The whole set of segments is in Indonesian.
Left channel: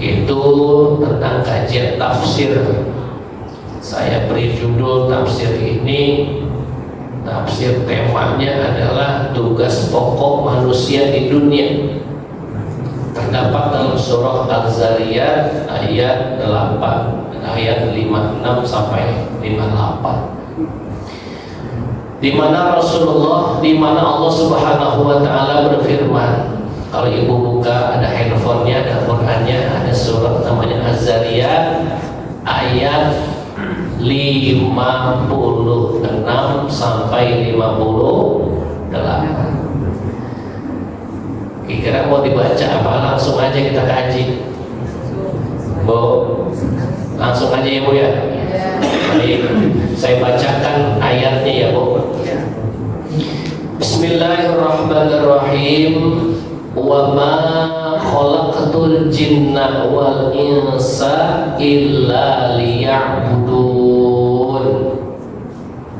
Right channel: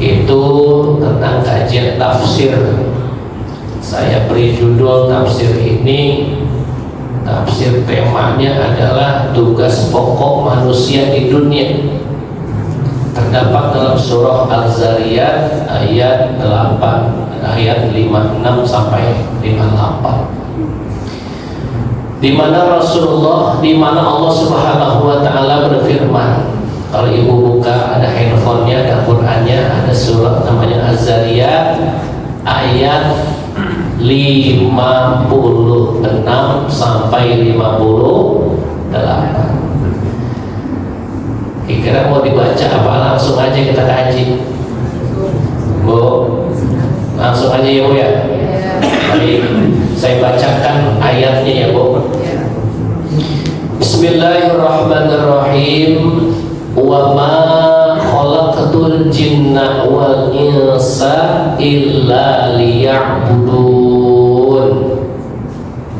itu tentang kajian tafsir. Saya beri judul tafsir ini, tafsir temanya adalah tugas pokok manusia di dunia. Terdapat dalam surah Al-Zariyat ayat 8, ayat 56 sampai 58. Di mana Allah Subhanahu wa taala berfirman. Kalau ibu buka ada handphonenya, ada Qur'annya, ada surah namanya Az-Zariyat ayat 56 sampai 58. Kira-kira mau dibaca apa langsung aja kita kaji? Bu, langsung aja ya Bu ya. Baik, saya bacakan ayatnya ya Bu. Bismillahirrahmanirrahim. Wa ma khalaqtul jinna wal insa illa liya'budun.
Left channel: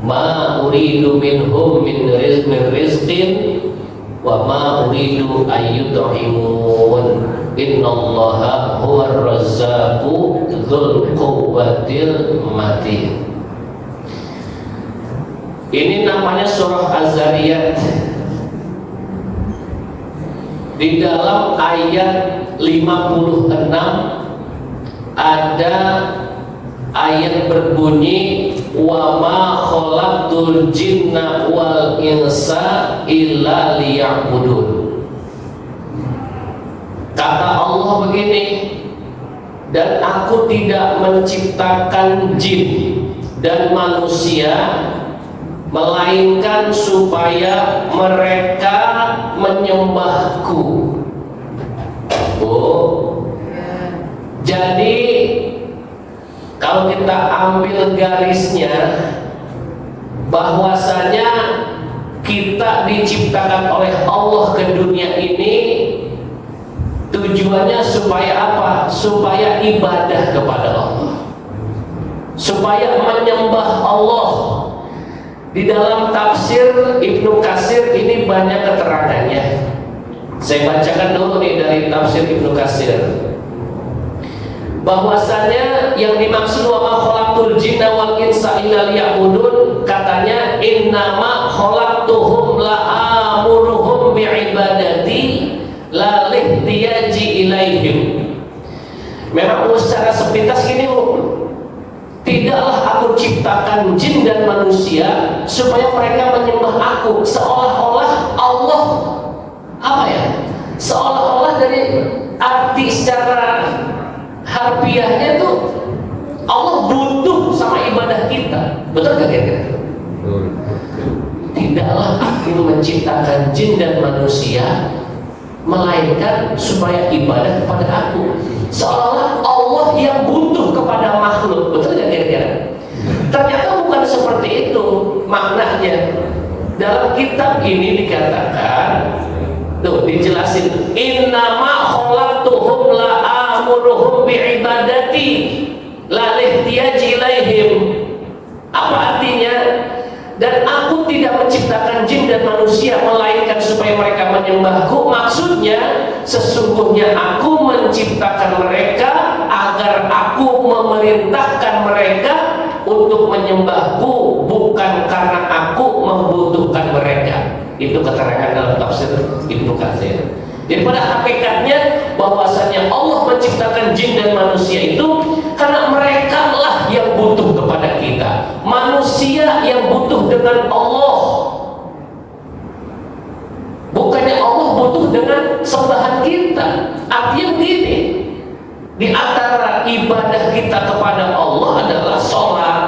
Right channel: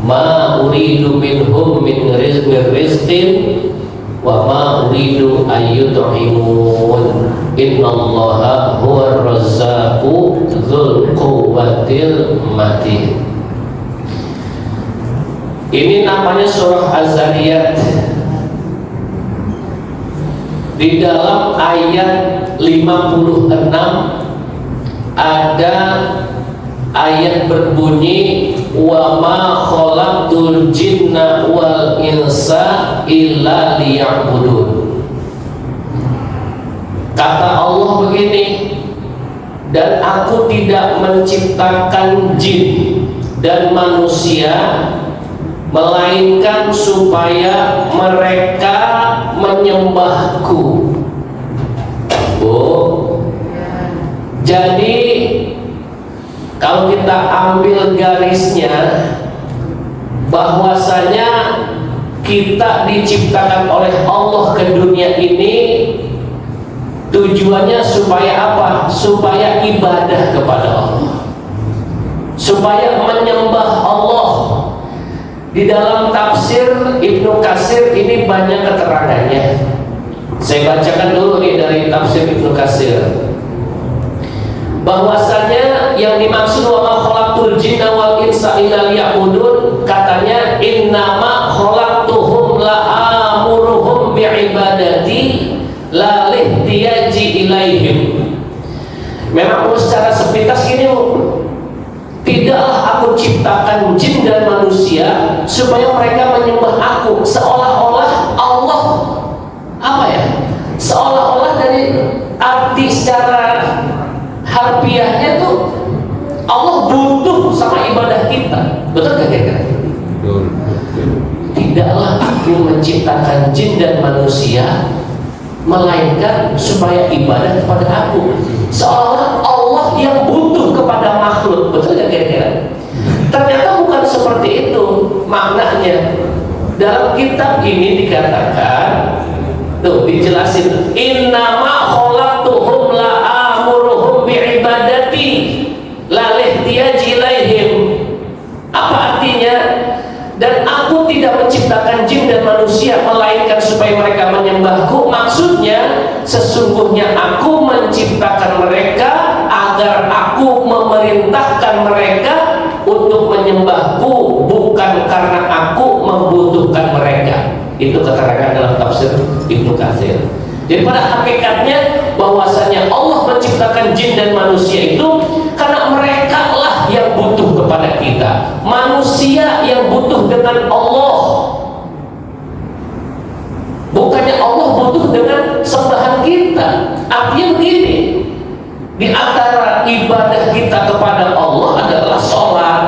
Ma uridu minhum min rizqin wa ma uridu ayyut'imun. Innallaha huwar razzaqu dzul quwwatil matin. Ini namanya surah Az-Zariyat. Di dalam ayat 56 ada ayat berbunyi wa ma khalaqtul jinna wal insa illa liya'budun. Kata Allah begini, dan aku tidak menciptakan jin dan manusia melainkan supaya mereka menyembahku. Jadi kalau kita ambil garisnya, bahwasanya kita diciptakan oleh Allah ke dunia ini tujuannya supaya apa? Supaya ibadah kepada Allah, supaya menyembah Allah. Di dalam tafsir Ibnu Katsir ini banyak keterangannya. Saya bacakan dulu nih dari tafsir Ibnu Katsir. Bahwasanya yang dimaksud wa ma khalaqtul jinna wal insa illa liya'budun, katanya innama khalaqtuhum la'amuruhum bi'ibadati la lihtiyaji ilaihim. Memang secara sepintas gini tidaklah aku ciptakan jin dan manusia supaya mereka menyembah aku, seolah-olah Allah apa ya? Seolah-olah dari arti secara harfiahnya tuh Allah butuh sama ibadah kita. Betul gak kira-kira? Tidaklah aku menciptakan jin dan manusia melainkan supaya ibadah kepada aku, seolah Allah yang butuh kepada makhluk. Betul gak kira-kira? Ternyata bukan seperti itu maknanya. Dalam kitab ini dikatakan, tuh dijelasin, innama khalaqtuhum la'amuruhum bi'ibadati la lihtiyaji ilaihim. Apa artinya? Dan aku tidak menciptakan jin dan manusia melainkan supaya mereka menyembahku. Maksudnya sesungguhnya aku menciptakan mereka agar aku memerintahkan mereka untuk menyembahku, bukan karena aku membutuhkan mereka. Itu keterangan dalam tafsir Ibnu Katsir. Jadi pada hakikatnya bahwasanya Allah menciptakan jin dan manusia itu karena mereka lah yang butuh kepada kita, manusia yang butuh dengan Allah. Bukannya Allah butuh dengan sembahan kita. Artinya begini, di antara ibadah kita kepada Allah adalah sholat,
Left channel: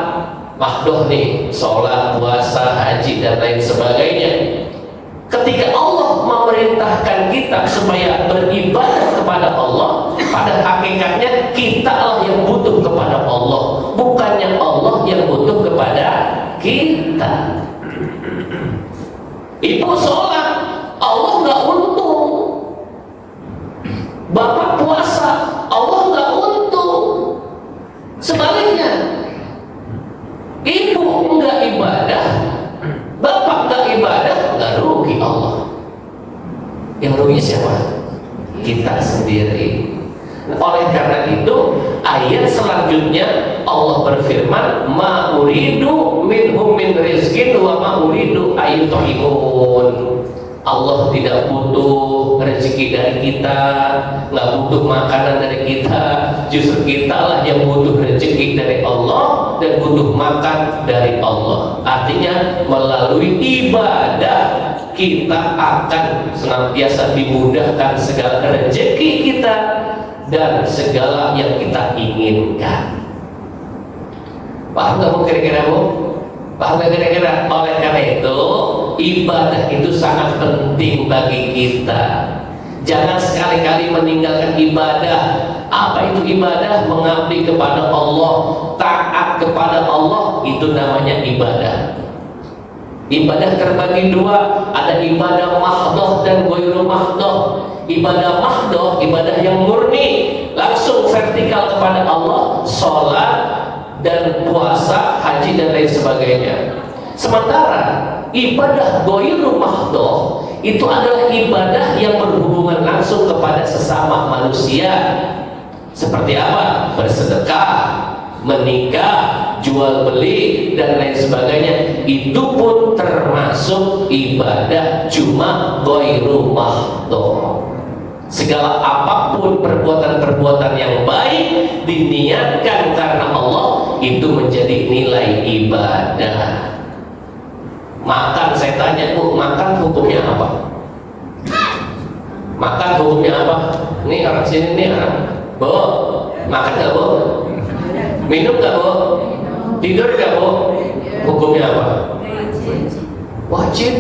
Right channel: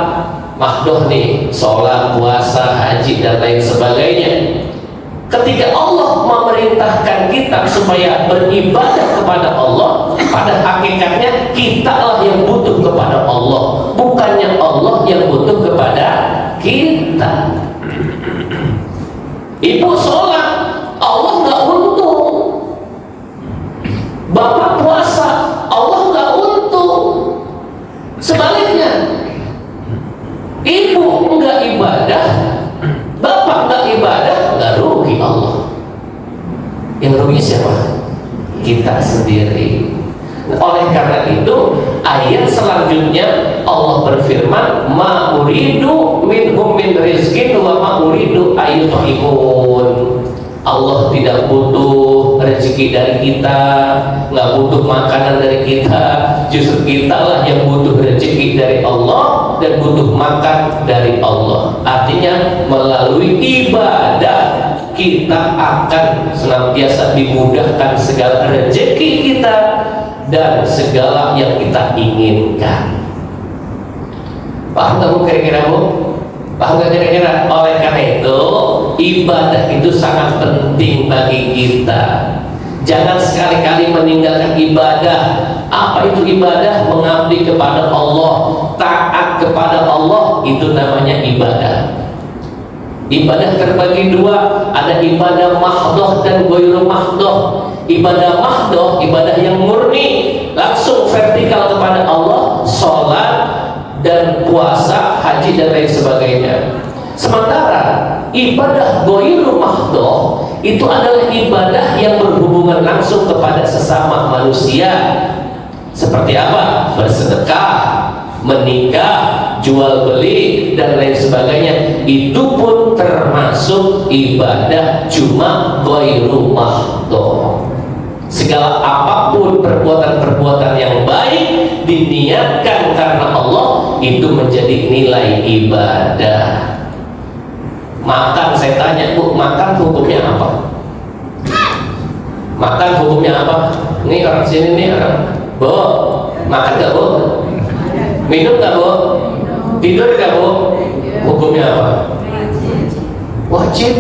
mahdoh nih, sholat, puasa, haji dan lain sebagainya. Ketika Allah memerintahkan kita supaya beribadah kepada Allah, pada hakikatnya kita lah yang butuh kepada Allah, bukannya Allah yang butuh kepada kita. Ibu sholat, Allah nggak untung. Bapak puasa, Allah nggak untung. Sebaliknya, ibu nggak ibadah, bapak nggak ibadah, nggak rugi Allah. Yang rugi siapa? Kita sendiri. Oleh karena itu, ayat selanjutnya Allah berfirman, ma uridu minhum min rizqin wa ma uridu ayyut'imun. Allah tidak butuh rezeki dari kita, nggak butuh makanan dari kita. Justru kitalah yang butuh rezeki dari Allah dan butuh makan dari Allah. Artinya melalui ibadah kita akan senantiasa dimudahkan segala rezeki kita dan segala yang kita inginkan. Paham nggak Bu kira-kira Bu? Paham nggak kira-kira? Oleh karena itu ibadah itu sangat penting bagi kita. Jangan sekali-kali meninggalkan ibadah. Apa itu ibadah? Mengabdi kepada Allah, taat kepada Allah, itu namanya ibadah. Ibadah terbagi dua, ada ibadah mahdoh dan ghairu mahdoh. Ibadah mahdoh, ibadah yang murni, langsung vertikal kepada Allah, sholat dan puasa, haji dan lain sebagainya. Sementara ibadah ghairu mahdoh itu adalah ibadah yang berhubungan langsung kepada sesama manusia. Seperti apa? Bersedekah, menikah, jual beli dan lain sebagainya. Itu pun termasuk ibadah, cuma ghairu mahdoh. Segala apapun perbuatan-perbuatan yang baik diniatkan karena Allah, itu menjadi nilai ibadah. Makan, saya tanya Bu, makan hukumnya apa? Makan hukumnya apa? Ini orang sini nih orang, Bu, makan gak Bu? Minum gak Bu? Tidur gak Bu? Hukumnya apa? Wajib.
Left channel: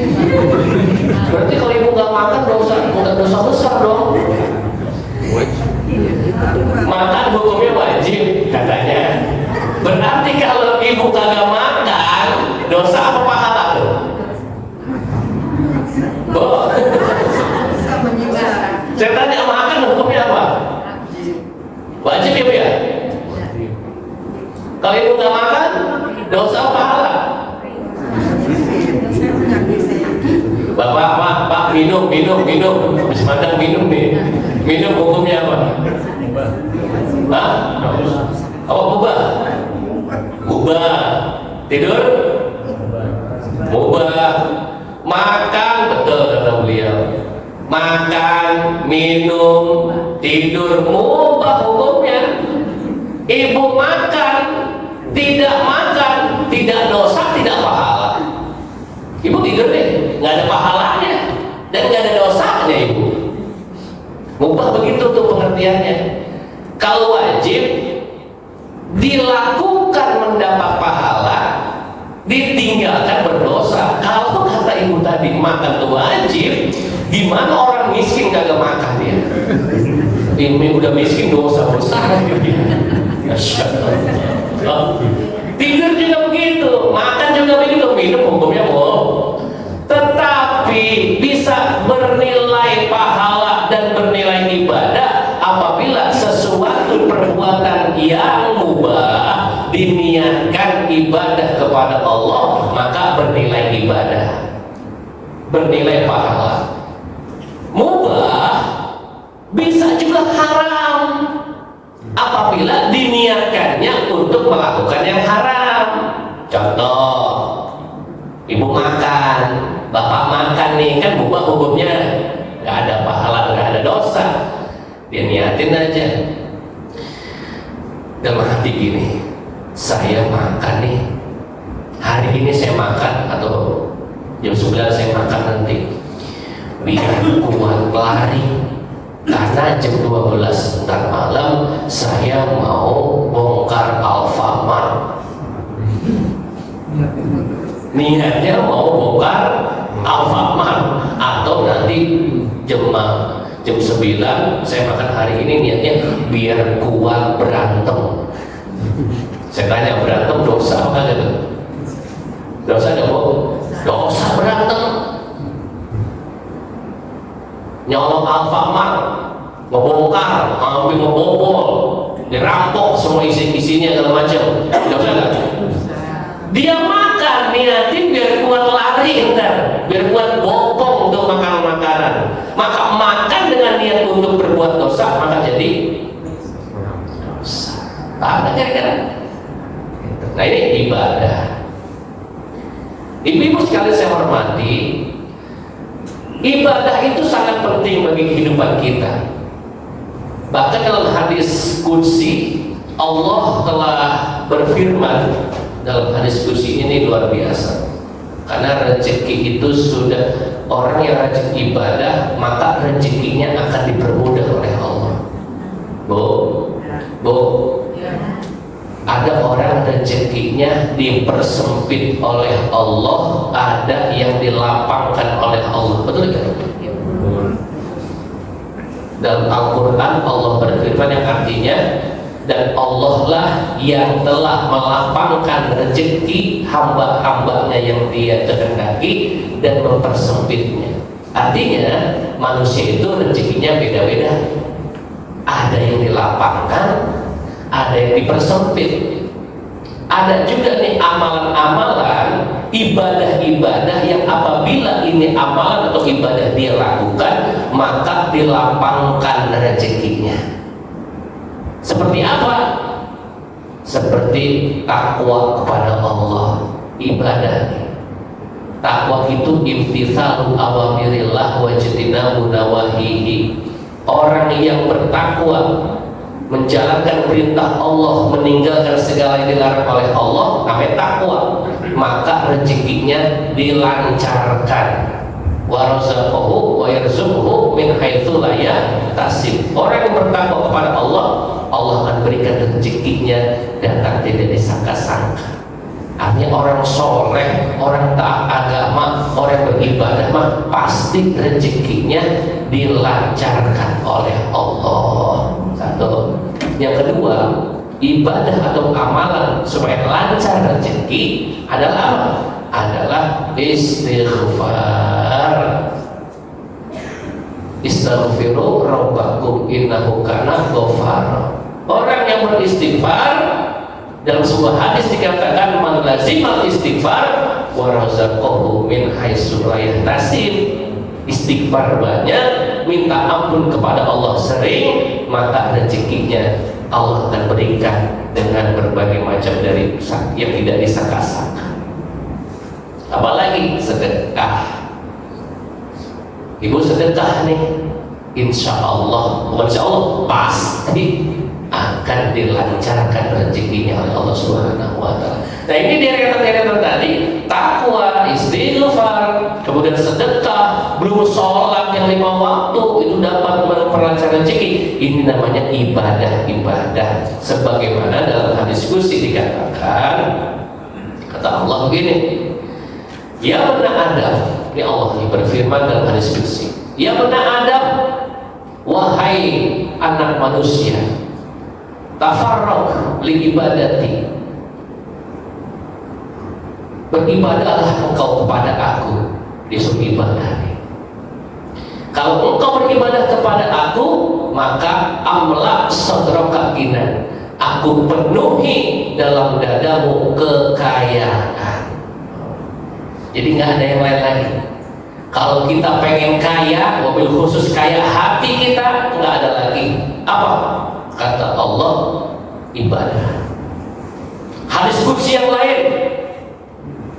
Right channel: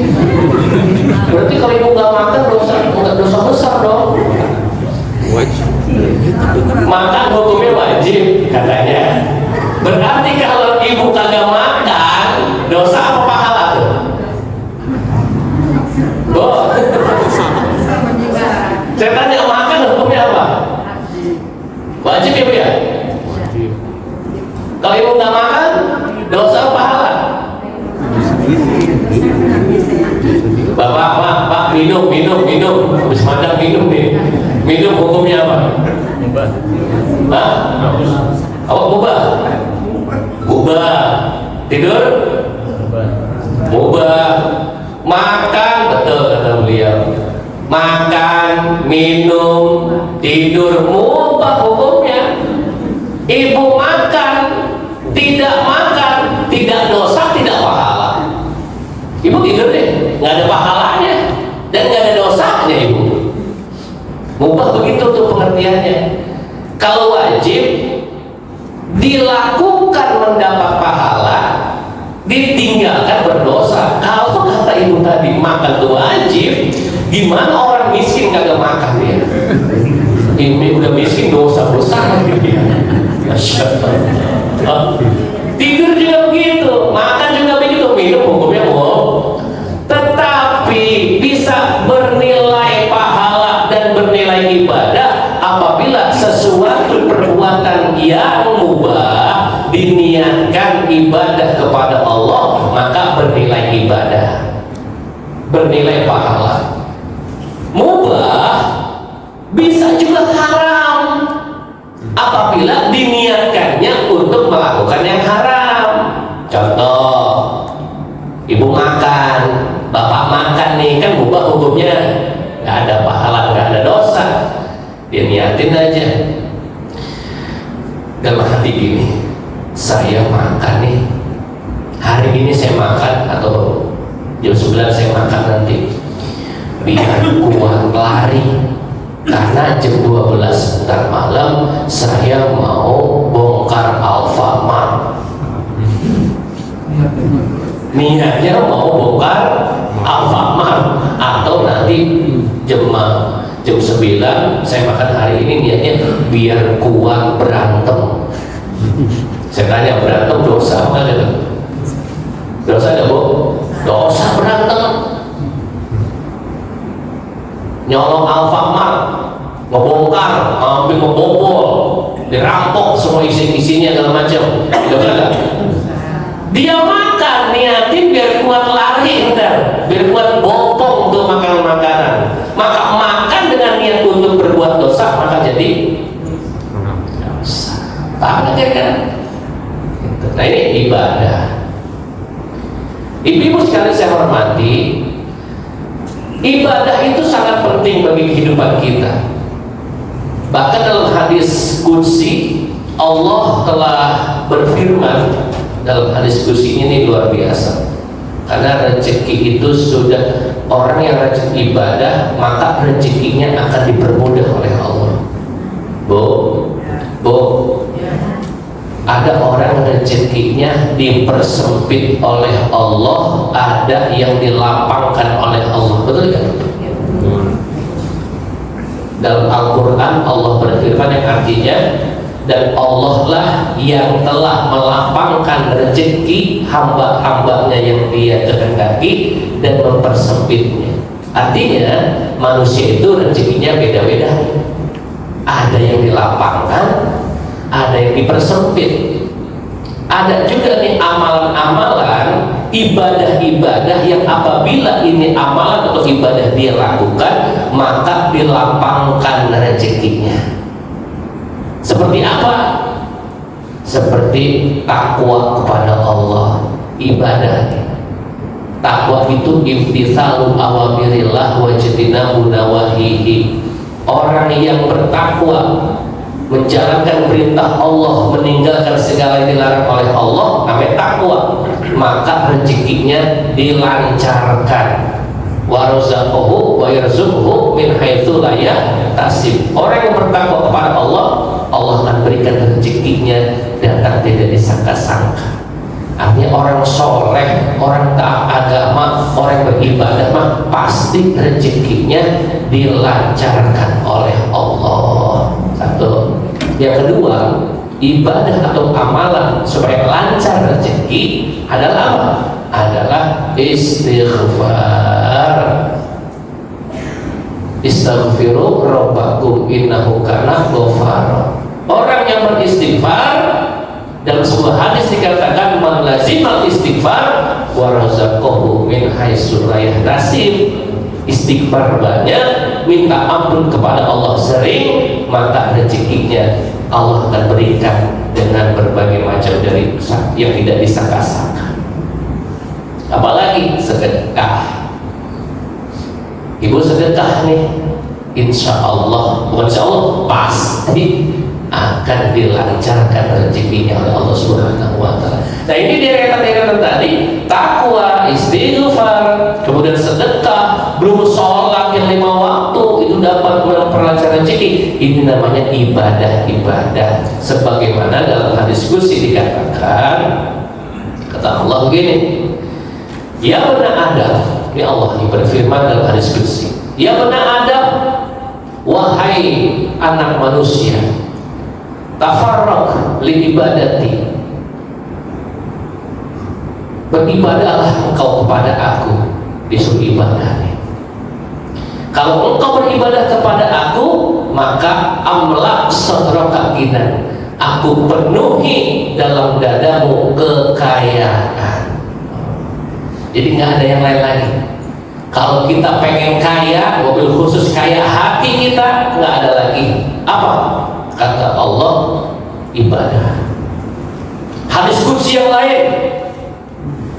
Berarti kalau ibu gak makan dosa besar dong. Makan hukumnya wajib katanya. Berarti kalau ibu kagak makan, dosa apa pahala tuh? Bu, saya tanya, makan hukumnya apa? Wajib ya Bu ya? Kalau ibu nggak makan, dosa apa pahala? Bapak, Pak, minum. Habis makan minum nih. Minum hukumnya apa? Pak? Apa mubah? Mubah. Tidur? Mubah. Makan, betul kata beliau. Makan, minum, tidur, mubah hukumnya. Ibu makan, tidak makan, tidak dosa, tidak pahala. Ibu tidur deh, nggak ada pahalanya dan nggak ada dosanya ibu. Mubah begitu tuh pengertiannya. Kalau wajib dilakukan mendapat pahala, ditinggalkan berdosa. Kalau kata ibu tadi makan tuh wajib, gimana orang miskin kagak makan ya? Ini udah miskin dosa besar dia. Tidur juga begitu, makan juga begitu, minum hukumnya bohong. Tetapi bisa bernilai pahala dan bernilai ibadah apabila sesuatu perbuatan yang mubah diniatkan ibadah kepada Allah, maka bernilai ibadah, bernilai pahala. Mubah bisa juga haram apabila diniatkannya untuk melakukan yang haram. Contoh, ibu makan, bapak makan nih, kan mubah hukumnya, nggak ada pahala, nggak ada dosa. Dia niatin aja dalam hati gini, saya makan nih, hari ini saya makan, atau jam 9 saya makan nanti, biar kuat lari. Karena jam 12 ntar malam saya mau bongkar Alfamart. Niatnya mau bongkar Alfamart. Atau nanti jam 9 saya makan hari ini, niatnya biar kuat berantem. Saya tanya, berantem dosa apa gitu? Dosa gak Bu? Dosa berantem. Nyolong Alfamart, ngebongkar, ambil, ngebobol, dirampok semua isinya segala macam. Dia makan niatin biar kuat lari, biar kuat bopong untuk makan makanan. Maka makan dengan niat untuk berbuat dosa, maka jadi kira-kira. Nah ini ibadah. Ibu-ibu sekalian saya hormati, ibadah itu sangat penting bagi kehidupan kita. Bahkan dalam hadis qudsi Allah telah berfirman dalam hadis qudsi ini luar biasa. Karena rezeki itu sudah, orang yang rajin ibadah maka rezekinya akan dipermudah oleh Allah. Bu, ada orang rezekinya dipersempit oleh Allah, ada yang dilapangkan oleh Allah. Betul kan? Dalam Al-Quran Allah berfirman yang artinya, dan Allah lah yang telah melapangkan rezeki hamba-hambanya yang dia kehendaki dan mempersempitnya. Artinya manusia itu rezekinya beda-beda. Ada yang dilapangkan, ada yang dipersempit. Ada juga nih amalan-amalan, ibadah-ibadah yang apabila ini amalan atau ibadah dia lakukan, maka dilapangkan rezekinya. Seperti apa? Seperti takwa kepada Allah, ibadah. Takwa itu imtitsalu awamirillah wa ijtinabu nawahihi. Orang yang bertakwa menjalankan perintah Allah, meninggalkan segala yang dilarang oleh Allah, namanya takwa. Maka rezekinya dilancarkan. Wa razaqahu wa yarzuquhu min haitsu la yahtasib. Orang yang bertakwa kepada Allah, Allah akan berikan rezekinya datang tidak disangka-sangka. Artinya orang soleh, orang taat agama, orang beribadah mah pasti rezekinya dilancarkan oleh Allah. Satu. Yang kedua, ibadah atau amalan supaya lancar rezeki adalah apa? Adalah istighfar. Istaghfiru rabbakum innahu kana ghaffara. Orang yang beristighfar, dalam sebuah hadis dikatakan man lazimal istighfar wa razaqahu min haitsu la yahtasib. Istighfar banyak, minta ampun kepada Allah sering, maka rezekinya Allah akan berikan dengan berbagai macam dari yang tidak disangka-sangka. Apalagi sedekah. Ibu sedekah nih, insya Allah pasti akan dilancarkan rezekinya oleh Allah Subhanahu wa Ta'ala. Nah ini deretan-deretan tadi, takwa, istighfar, kemudian sedekah, belum sholat yang 5 waktu itu dapat memperlancar rezeki. Ini namanya ibadah-ibadah. Sebagaimana dalam hadis qudsi dikatakan, kata Allah begini, ya benar Adam, ini Allah ini berfirman dalam hadis qudsi, ya benar Adam, wahai anak manusia, tafarraq li ibadati, beribadahlah engkau kepada aku, disuruh ibadah. Kalau engkau beribadah kepada aku, maka amla sadraka ginan, aku penuhi dalam dadamu kekayaan. Jadi nggak ada yang lain lagi. Kalau kita pengen kaya, mobil khusus kaya hati kita, nggak ada lagi. Apa? Kata Allah, ibadah. Hadis qudsi yang lain,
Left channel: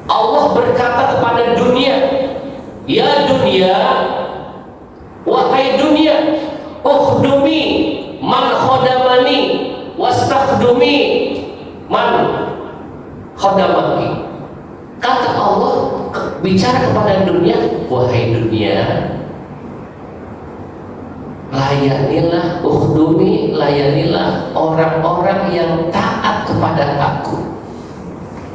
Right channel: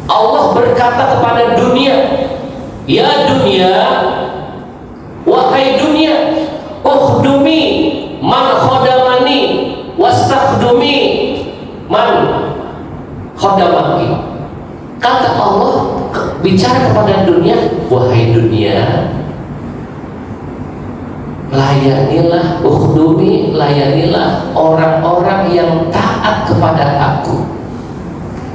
Allah berkata kepada dunia, ya dunia, wahai dunia, ukhdumi man khodamani wastakhdumi man khodamaki. Kata Allah bicara kepada dunia, wahai dunia, layanilah, ukhdumi, layanilah orang-orang yang taat kepada aku,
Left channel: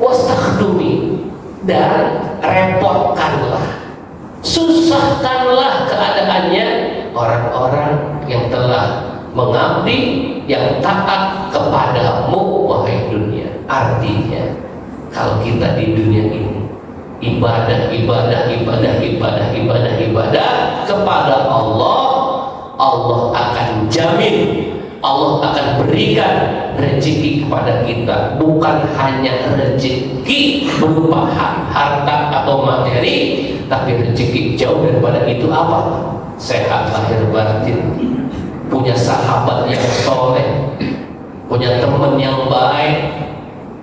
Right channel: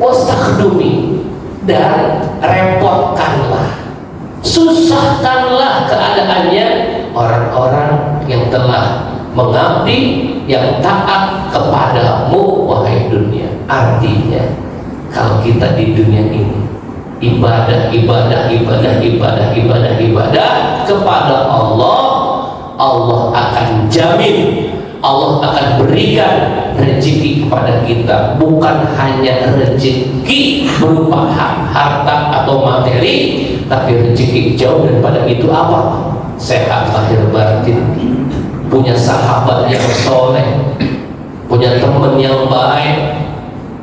wastakhdumi, dan repotkanlah, susahkanlah keadaannya orang-orang yang telah mengabdi, yang taat kepadamu, wahai dunia. Artinya kalau kita di dunia ini ibadah kepada Allah, Allah akan jamin, Allah akan berikan rezeki kepada kita. Bukan hanya rezeki berupa harta atau materi, tapi rezeki jauh daripada itu. Apa? Sehat lahir batin, punya sahabat yang soleh, punya teman yang baik,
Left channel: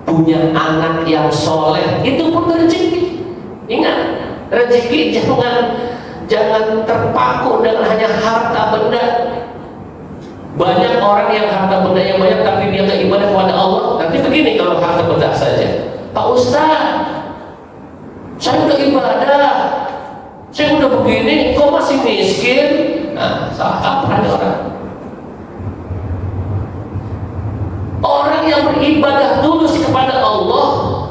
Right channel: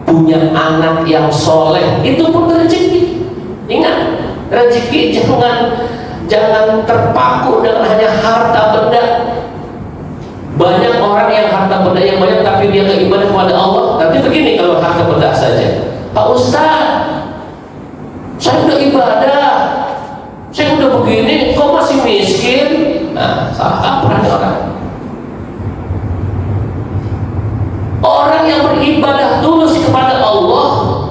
punya anak yang soleh, itu pun rezeki. Ingat, rezeki jangan terpaku dengan hanya harta benda. Banyak orang yang harta benda yang banyak tapi dia nggak ibadah kepada Allah. Tapi begini, kalau harta benda saja, Pak Ustaz, saya udah ibadah, saya udah begini, kok masih miskin? Nah, salah kaprah nih orang. Orang yang beribadah tulus kepada Allah,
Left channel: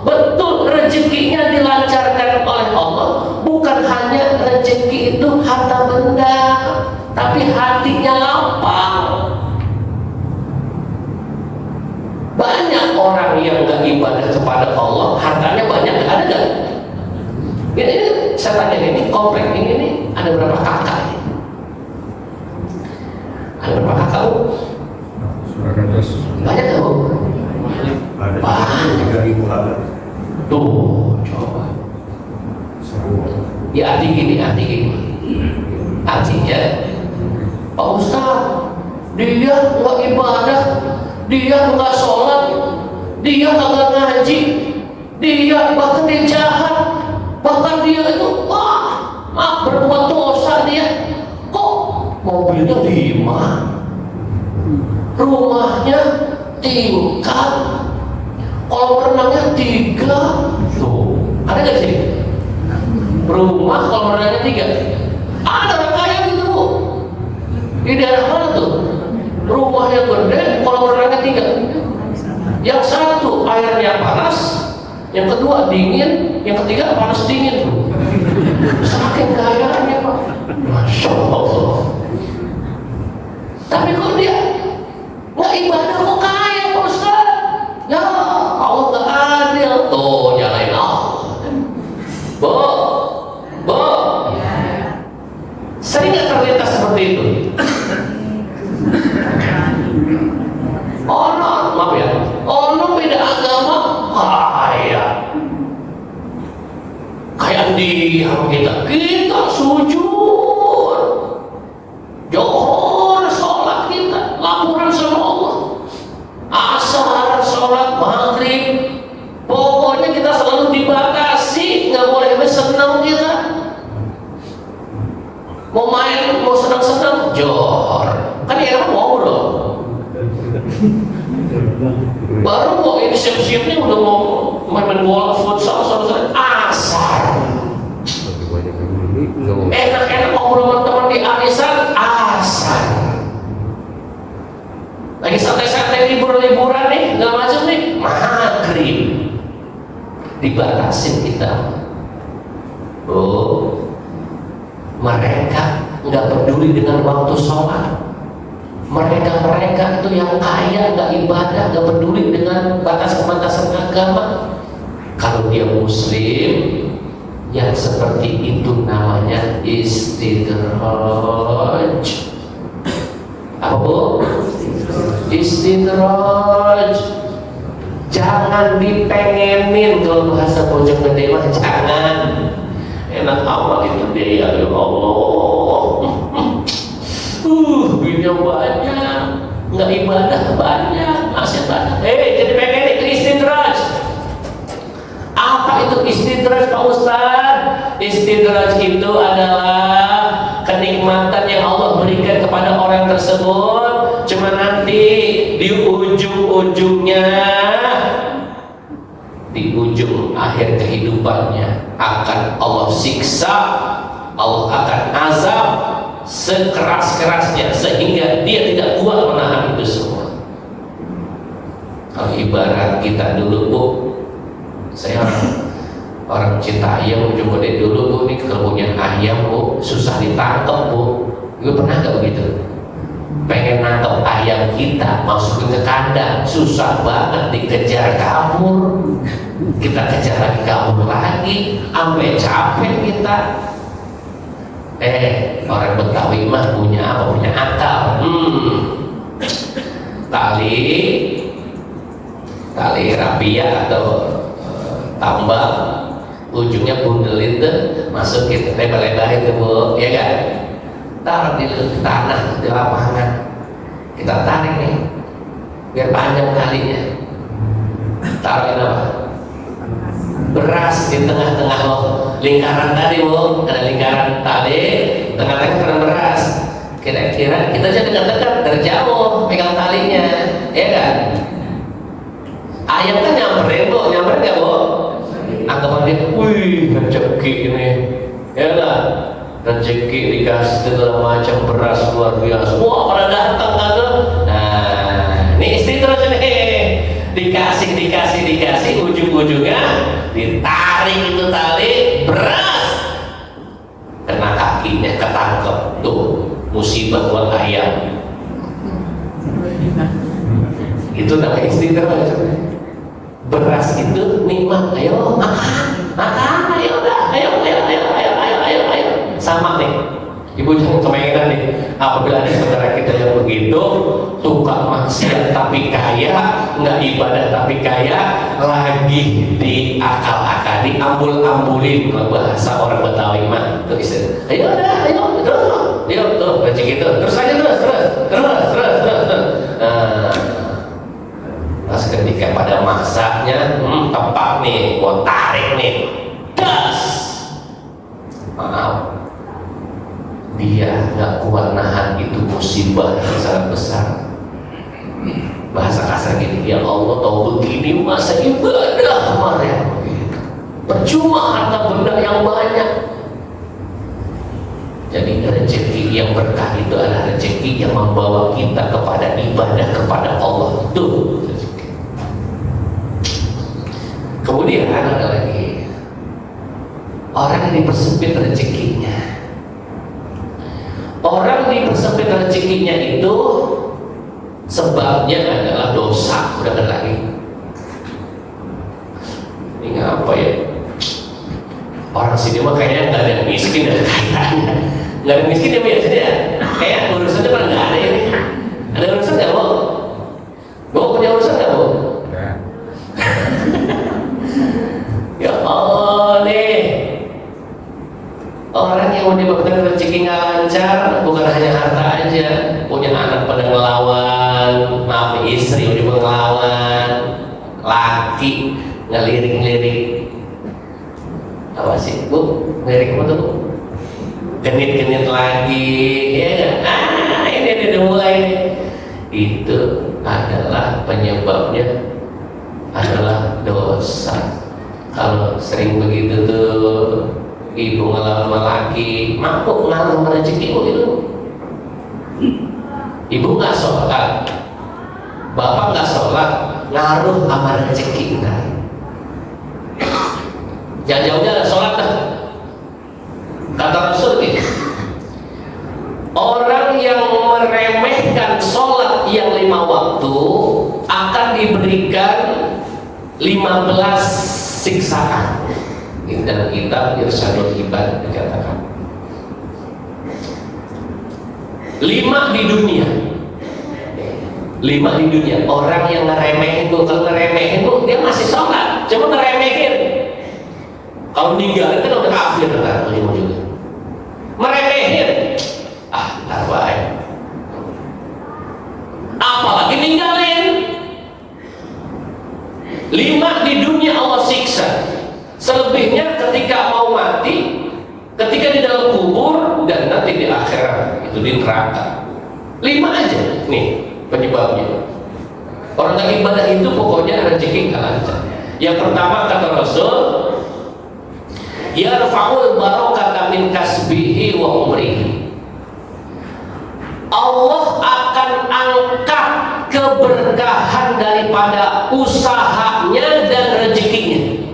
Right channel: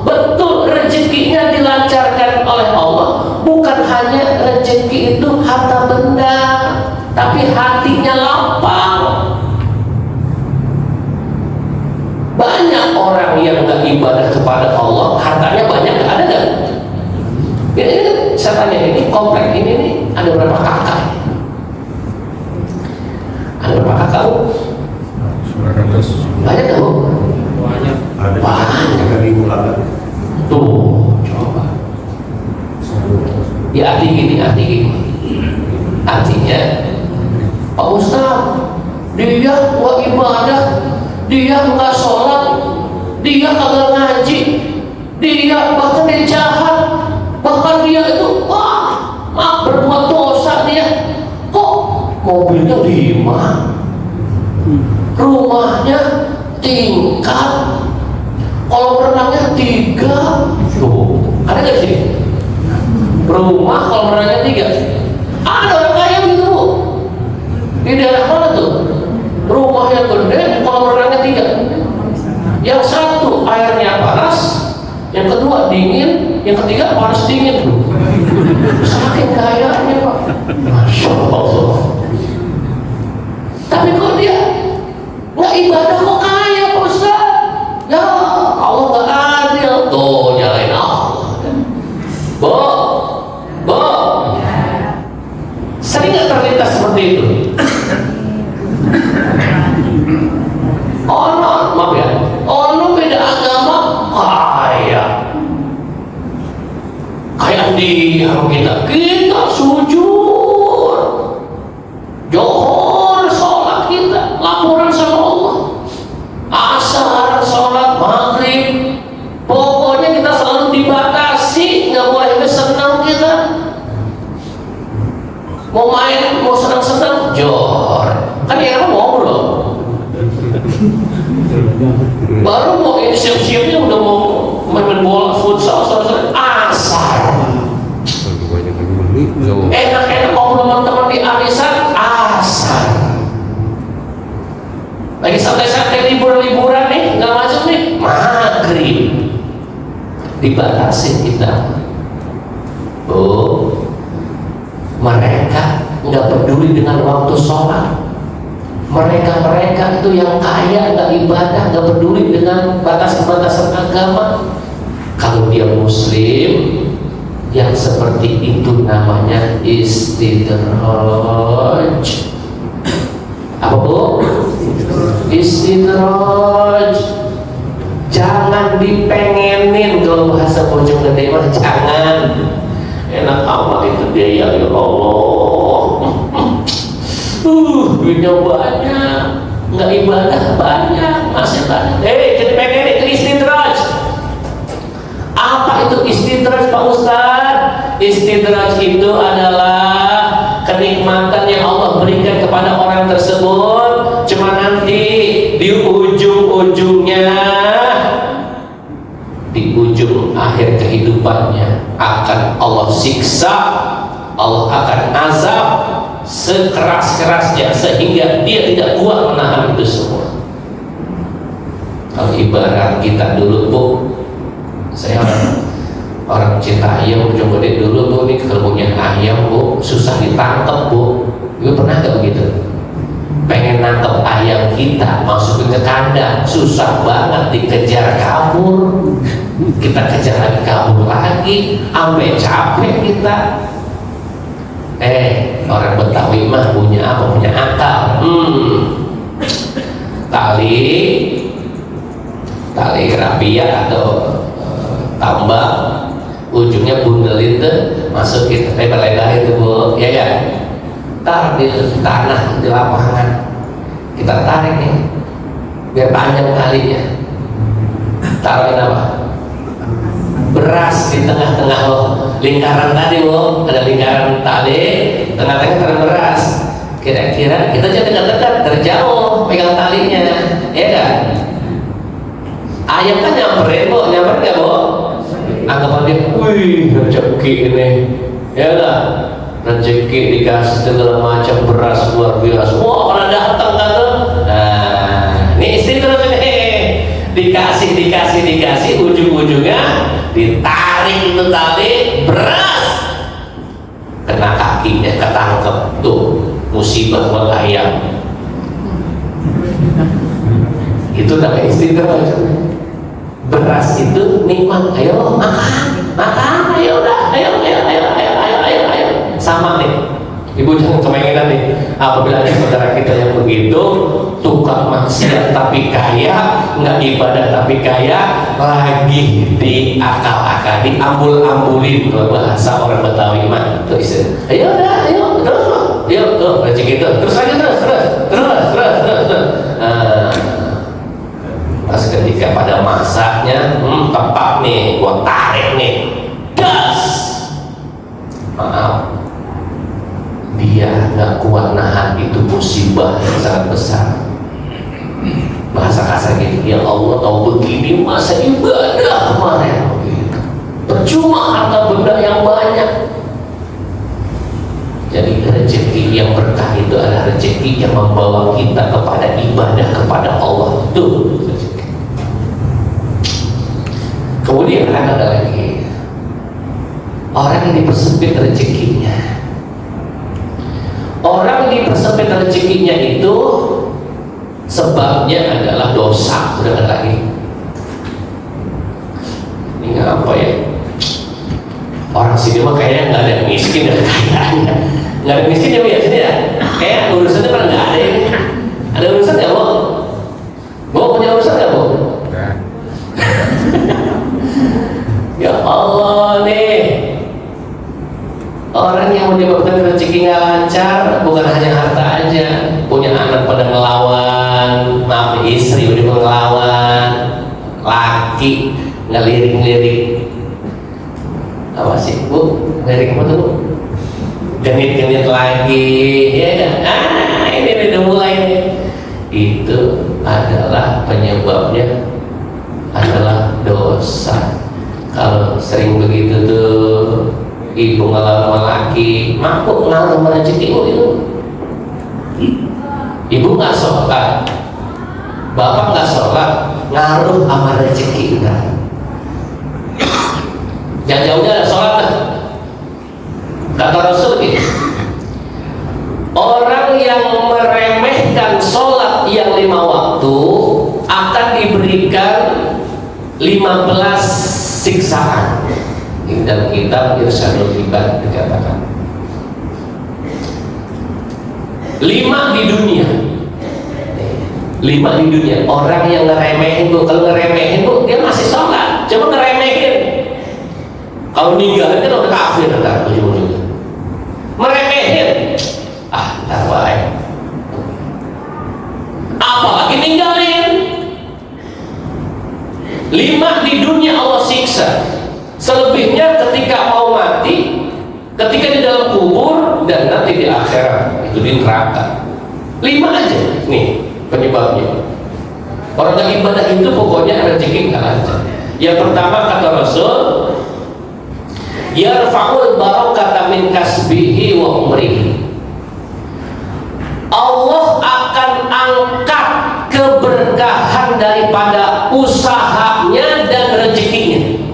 betul rezekinya dilancarkan oleh Allah. Bukan hanya rezeki itu harta benda, tapi hatinya lapang. Banyak orang yang gak ibadah kepada Allah, hartanya banyak, gak ada gak? Ini saya tanya, ini komplek ini nih, ada berapa kakak? Ada berapa kakak? Banyak gak, Bu? Banyak. 3.000 kakak. Tuh, coba. Ya arti gini. Artinya, Pak Ustaz, dia nggak ibadah, dia nggak sholat, dia kagak ngaji, dia bahkan dia jahat, bahkan dia itu berbuat dosa dia. Kok mobilnya 5, rumahnya tingkat, kalau renangnya 3. Tuh, ada nggak sih? Rumah kalau renangnya 3. Ada orang kaya gitu, Bu. Di daerah mana tuh? Rumahnya gede, kalau renangnya 3. Yang satu airnya panas, yang kedua dingin, yang ketiga panas dingin. Saking kayanya, Pak. Masya Allah. Tapi kalau dia nggak ibadah kok kaya, Pak Ustaz? Ya Allah nggak adil. Tuh, nyalain Allah. Bo, sering nggak terlintas seperti itu? Maaf ya, orang beda agama kaya, kayak diam kita sujud, johor, sholat kita, laporan sama Allah, asar, sholat, maghrib, pokoknya kita selalu dibatasi, nggak boleh senang kita. Mau main, mau senang-senang, johor, kan ya ngobrol. Baru mau ini siap-siapnya udah mau main bola, futsal, asar. Enak-enak ngobrol sama teman di arisan, asar. Lagi santai-santai liburan nih, nggak macam nih, maghrib. Dibatasi kita. Tuh, mereka nggak peduli dengan waktu sholat. Mereka itu yang kaya, nggak ibadah, nggak peduli dengan batasan-batasan agama. Kalau dia muslim, yang seperti itu namanya istidraj. Apa, Bu? Istidraj. Jangan dipengenin, kalau bahasa Bojong Gede mah jangan. Enak amat itu dia, ya Allah. Duitnya banyak, nggak ibadah banyak, masih banyak. Jadi pengen itu istidraj. Apa itu istidraj, Pak Ustaz? Istidraj itu adalah kenikmatan yang Allah berikan kepada orang tersebut. Cuma nanti di ujung-ujungnya, di ujung akhir kehidupannya akan Allah siksa, Allah akan azab sekeras-kerasnya sehingga dia tidak kuat menahan itu semua. Kalau ibarat kita dulu, Bu, saya orang cinta ayam Bojong Gede dulu, Bu, nih kalau punya ayam, Bu, susah ditangkap, Bu. Ibu pernah nggak begitu? Pengen nangkep ayam kita, masukin ke kandang, susah banget, dikejar kabur. Kita kejar lagi, kabur lagi, sampai capek kita. Orang Betawi mah punya apa? Punya akal. Tali rapia atau tambak, ujungnya bundelin tuh, masukin lebar-lebar itu, Bu, ya kan? Taruh di tanah, di lapangan, kita tarik nih, biar panjang talinya. Taruhin apa? Beras di tengah-tengah lo, lingkaran tadi lo, ada lingkaran tali, tengah-tengah taruh beras. Kira-kira kita jangan dekat-dekat, terjauh pegang talinya, ya kan? Ayam kan nyamperin bu, nyamperin nggak bu? Anggapan dia, wih rezeki ini, ya lah, rezeki dikasih segala macam beras luar biasa. Wah pada datang kan? Nah, ini istri terus ini dikasih, ujung-ujungnya ditarik itu tali beras, kena kakinya ketangkep tuh musibah buat ayam. Itu namanya istidraj. Beras itu nikmat, ayo makan, ayo sama nih. Ibu jangan kepengenan nih, apabila ada saudara kita yang begitu, tukang maksiat tapi kaya, nggak ibadah tapi kaya, lagi diakal-akal, diambul-ambulin kalau bahasa orang Betawi mah. Tuh istilah, ayo tuh rezeki itu, terus pas ketika pada masaknya, tepat nih, gua tarik nih, das, maaf, dia nggak kuat nahan itu musibah yang sangat besar. Bahasa kasar gini, ya Allah tahu begini masa ibadah kemarin, percuma harta benda yang banyak. Jadi rezeki yang berkah itu adalah rezeki yang membawa kita kepada ibadah kepada Allah. Tuh. Kemudian ada lagi orang yang dipersempit rezekinya. Orang yang dipersempit rezekinya itu sebabnya adalah dosa. Udah nggak lagi. Ini apa ya? Orang sini mah kayaknya nggak ada yang miskin dan kayaknya nggak ada miskin ya bu ya sini ya. Kayak urusannya pada nggak ada ini. Ada urusan nggak bu? Bu punya urusan nggak bu? Ya Allah nih, orang yang menyebabkan rezeki nggak lancar bukan hanya harta aja, punya anak pada ngelawan, maaf istri udah ngelawan, laki ngelirik-lirik, apa sih bu? Ngelirik apa tuh bu? Genit-genit lagi, ya kan? Ini udah mulai nih. Itu adalah penyebabnya adalah dosa. Kalau sering begitu tuh ibu ngelamar laki, mampu ngaruh sama rezekimu itu. Ibu nggak sholat, bapak nggak sholat, ngaruh sama rezeki kita. Jauh-jauhnya ada sholat dah. Kata Rasul gitu, orang yang meremehkan sholat yang 5 waktu akan diberikan 15 siksaan. Dan kitab Irsyadul Ibad dikatakan 5 di dunia. 5 di dunia. Orang yang ngeremehin tuh, kalau ngeremehin tuh dia masih sholat, cuma ngeremehin. Kalau ninggalin kan udah kafir ntar ujung-ujungnya. Meremehin, ntar baik. Apalagi ninggalin. 5 di dunia Allah siksa. Selebihnya ketika mau mati, ketika di dalam kubur, dan nanti di akhirat itu di neraka. 5 aja nih penyebabnya. Orang yang ibadah itu pokoknya rezeki nggak lancar. Yang pertama kata Rasul, yarfa'ul barakata min kasbihi wa umrihi. Allah akan angkat keberkahan daripada usahanya dan rezekinya.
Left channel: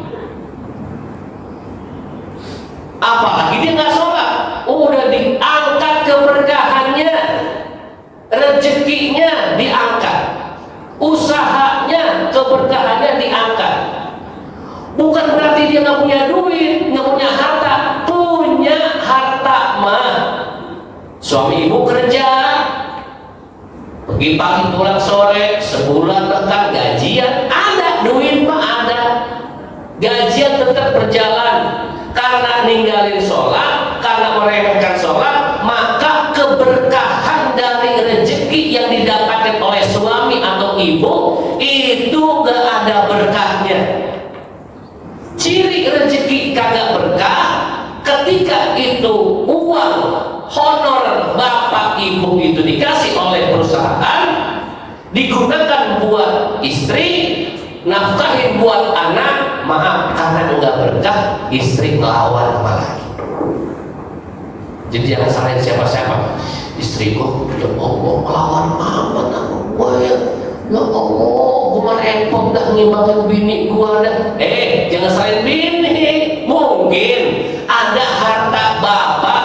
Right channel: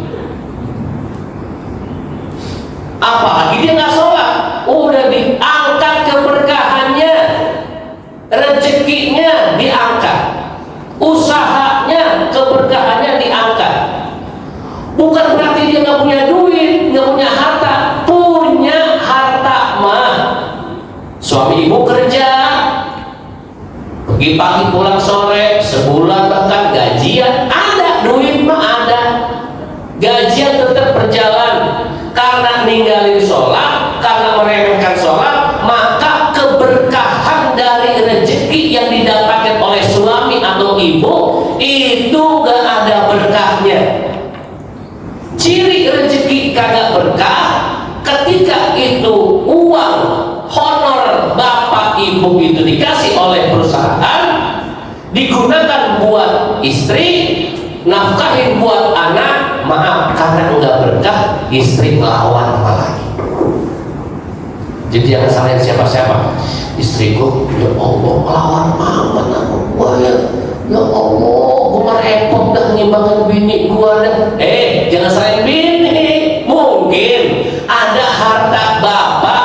Apalagi dia nggak sholat, udah diangkat keberkahannya, rezekinya diangkat, usahanya keberkahannya diangkat. Bukan berarti dia nggak punya duit, nggak punya harta, punya harta mah. Suami ibu kerja, pergi pagi pulang sore, sebulan bahkan gajian, ada duit mah ada, gajian tetap berjalan. Karena ninggalin sholat, karena meremehkan sholat, maka keberkahan dari rezeki yang didapatkan oleh suami atau ibu itu gak ada berkahnya. Ciri rezeki kagak berkah ketika itu uang honor bapak ibu itu dikasih oleh perusahaan, digunakan buat istri, nafkahin buat anak. Maaf, karena enggak berkah, istri melawan sama lagi. Jadi jangan salahin siapa-siapa. Istriku, ya Allah, melawan amat sama gua ya. Ya Allah, gua mah repot dah ngimbangan bini gua dah. Jangan salahin bini. Mungkin ada harta bapak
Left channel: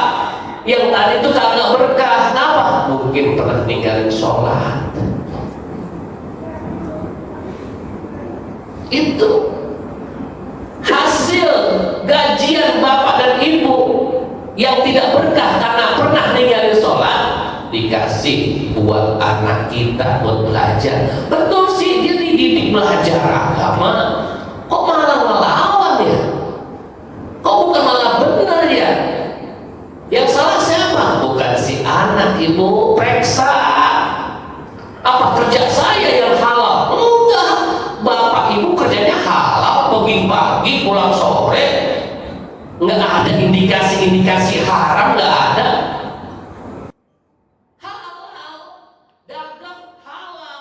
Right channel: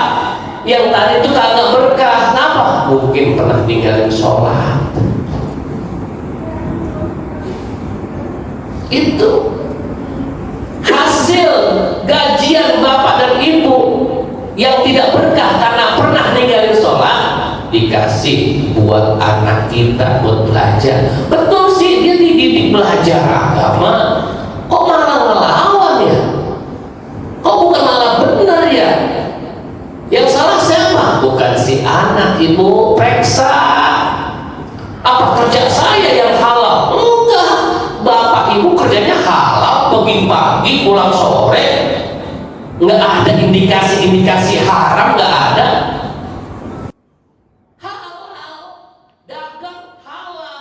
yang tadi itu kagak berkah. Kenapa? Mungkin pernah ninggalin sholat. Itu hasil gajian bapak dan ibu yang tidak berkah karena pernah ninggalin sholat, dikasih buat anak kita buat belajar. Betul sih, dia dididik belajar agama, kok malah ngelawan ya? Kok bukan malah benar ya? Yang salah siapa? Bukan si anak, ibu periksa. Apa kerja saya yang halal? Enggak, bapak ibu kerjanya halal, pergi pagi pulang sore, nggak ada indikasi haram, nggak ada. Halal, dagang halal,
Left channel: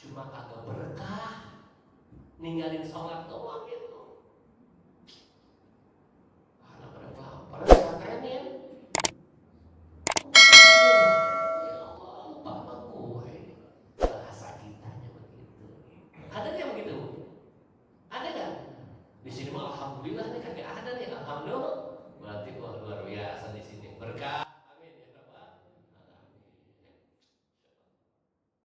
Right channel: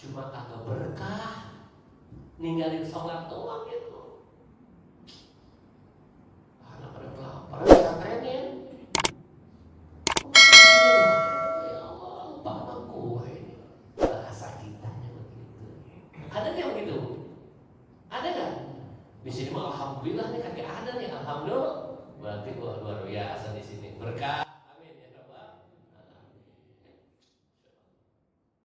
cuma kagak berkah, ninggalin sholat doang gitu. Anak pada kelaparan, katanya ya. Ya Allah, bapak gue ini bahasa kitanya begitu. Ada yang begitu? Ada kan? Di sini mah alhamdulillah nih kagak ada nih, alhamdulillah.